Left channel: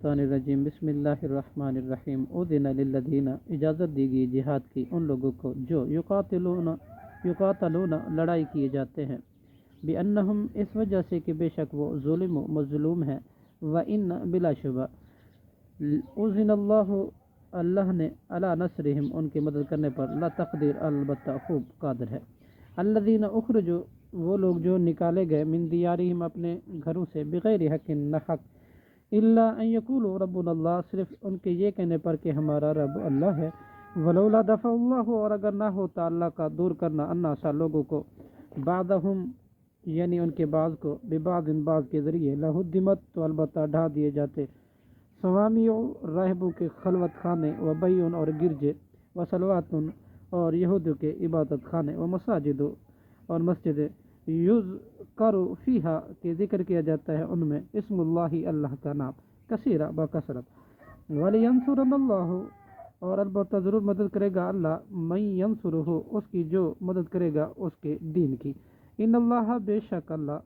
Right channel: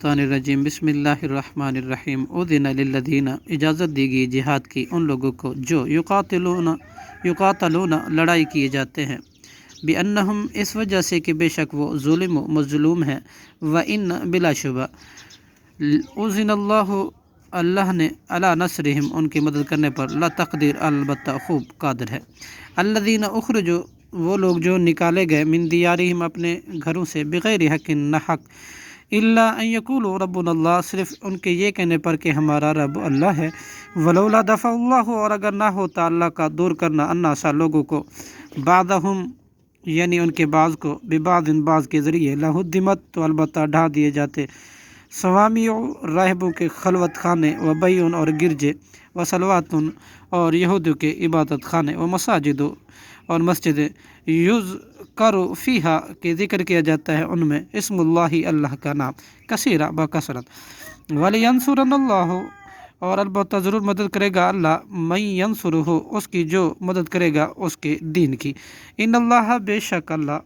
الرجیم بسم اللہ الرحمن الرحیم اذن للذین اجازت دی گئی جہاد کی ان لوگوں کو جو یقاتلون لڑائی کیے جاتے ہیں بِأَنَّهُمْ اس وجہ سے کہ بے شک وہ ظلم و مظلوم ہیں وَإِنَّ بلا شبہ اذن اللہ نے علی نصرہم ان کی مدد کرنے پر لا تقدیر البتہ خوب قادر ہے الذین اخرجوا وہ لوگ جو نکالے گئے من دیارہم اپنے گھروں سے بغیر حق نہ حق الا ان یقولوا ربنا اللہ صرف ان کے یہ کہنے پر کہ ہمارا رب اللہ ہے ولولا دفع اللہ اور اگر نہ ہوتا اللہ کا دور کرنا الناس لوگوں کو بعضہم یعنی ان کے بعض کو ببعض بعض کے ذریعے لہدمت تو البتہ ڈھا دیے جاتے صوامیع راہبوں کے خلوت خانے و بیون اور گرجے و صلواتن اور یہودیوں کے عبادت خانے و مساجد اور مسجدیں یذکر فیہا کہ ذکر کیا جاتا ہے ان میں اسم اللہ اللہ کا نام کثیرہ بکثرت ولینصرن اللہ اور البتہ ضرور مدد کرے گا اللہ من ینصرہ اس کی جو مدد کرے گا اس کے دین کی ان اللہ بے شک اللہ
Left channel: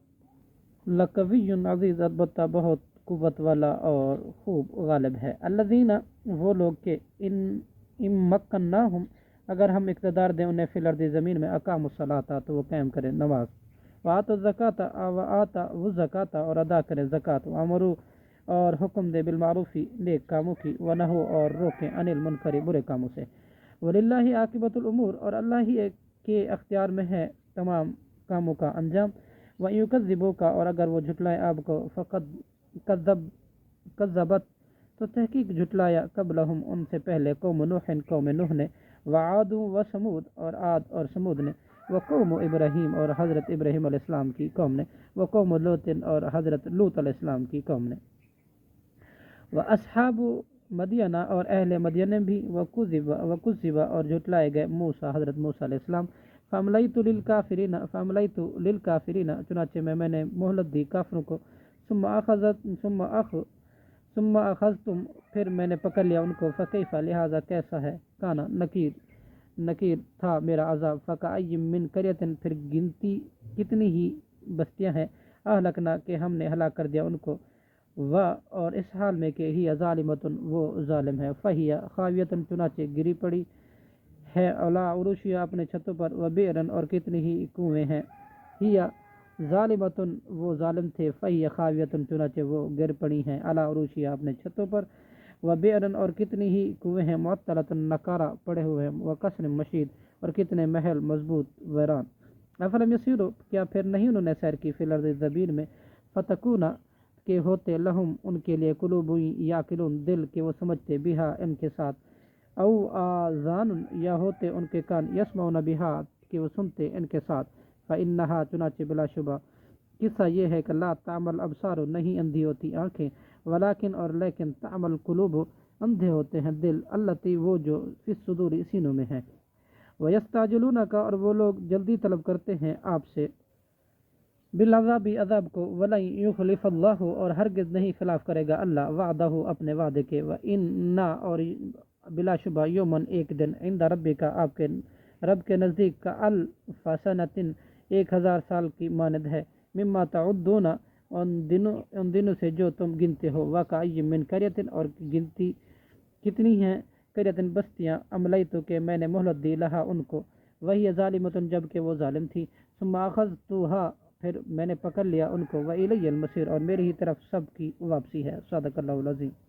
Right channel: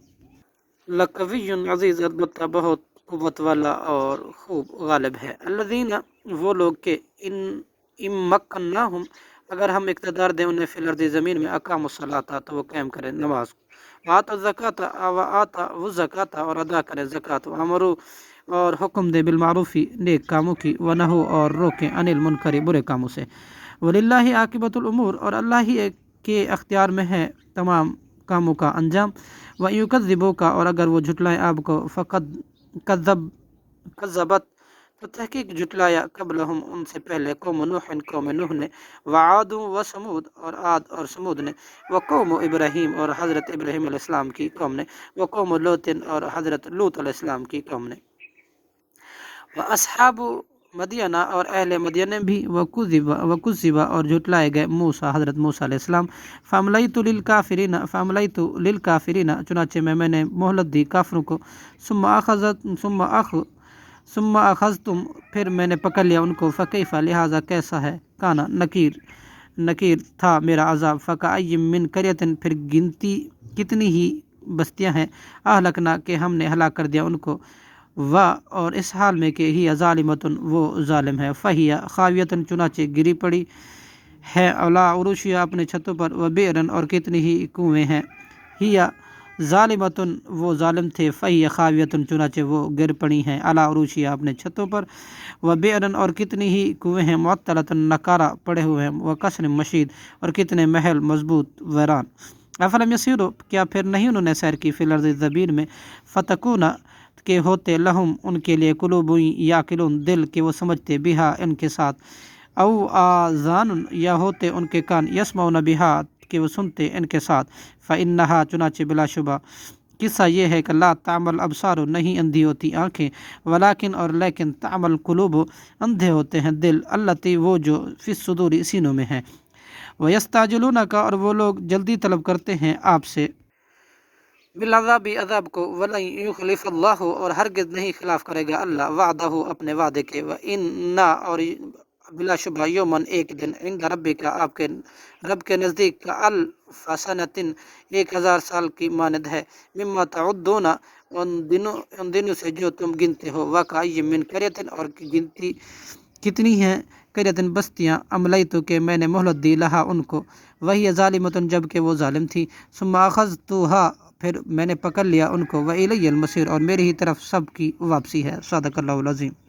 لقوی عزیز البتہ بہت قوت والا اور خوب غالب ہے الذین وہ لوگ کہ ان مکناہم اگر ہم اقتدار دیں انہیں فی الارض زمین میں اقاموا الصلاۃ تو وہ قائم کریں نماز وآتوا الزکوٰۃ وآتوا الزکوٰۃ اور ادا کریں زکوٰۃ وامروا اور حکم دے بالمعروف نیک کاموں کی ونہوا اور روکیں عن المنکر برے کاموں سے وللہ عاقبۃ الامور اور اللہ ہی کے اختیار میں ہے تمام کاموں کا انجام وَإِن يُكَذِّبُوكَ اور اگر وہ جھٹلائیں آپ کو فقد کذبت تو تحقیق جھٹلایا قبلہم ان سے پہلے قوم نوح نے وعاد و سمود اور عاد اور سمود نے وقوم ابراہیم اور حضرت ابراہیم علیہ السلام کی قوم نے وقوم لوط اور حضرت لوط علیہ السلام کی قوم نے واصحاب مدینہ اور اہل مدینہ بھی وکذب اور جھٹلائے گئے موسیٰ حضرت موسیٰ علیہ السلام فاملیت للکافرین چنانچہ میں نے مہلت دی کافروں کو ثم اخذتم پھر میں نے پکڑ لیا ان کو فکیف لہذا کیسا ہے کانا نکیر تھا میرا عذاب فکأی من قریۃ پھر گنتی کتنی ہی بستیاں ہیں اہلکنا کہ ہم نے ہلاک کر دیا ان کو اور اس حال میں کہ ہی ظالمتن وہ ظالم ہے فہی خاویتن چنانچہ گری پڑی ہے علی عروشیا اپنے چھتوں پر و بیرن اور کتنی ہی کنویں ہیں ہی ظالمتن وہ ظالم تھے فہی خاویتن چنانچہ وہ گر پڑی ہیں علی عروشیا اپنے چھتوں پر و بیرن اور کتنی ہی کنویں ہیں معطلتن نکارہ پڑے ہوئے ہیں و قصر مشید اور کتنے محل مضبوط ویران افلم یسیروا کیا پھر نہیں انہوں نے سیر کی فی الارض زمین میں فتکون کہ ہوتے لہم ان کے لیے قلوب یعقلون دل کہ وہ سمجھتے بہا ان کے ساتھ او آذان یا ہوتے ان کے کان یسمعون بہا کہ وہ سنتے ان کے ساتھ فإنہا چنانچہ بلا شبہ قصہ یہ ہے کہ لا تعمل ابصار نہیں اندھی ہوتی آنکھیں ولیکن اور لیکن تعمل قلوب اندھے ہوتے ہیں دل التی وہ جو فی الصدور سینوں میں ہیں ویستعجلونک اور وہ لوگ جلدی طلب کرتے ہیں آپ سے بالعذاب عذاب کو ولن یخلف اللہ اور ہرگز نہیں خلاف کرے گا اللہ وعدہ اپنے وعدے کے وإن اور بلا شبہ یومن ایک دن عند ربک آپ کے رب کے نزدیک کا الف سنۃ 1000 سال کی مانند ہے مما تعدون ان دنوں سے جو تم گنتے ہو وکأی من قریۃ اور گنتی کتنی ہیں قریۃ بستیاں املیت کہ میں نے مہلت دی لہا ان کو وہی ظالمۃ جب کہ وہ ظالم تھی ثم اخذتها پھر میں نے پکڑ لیا ان کو وإلی المصیر اور میری ہی طرف سب کی واپسی ہے صدق اللہ العظیم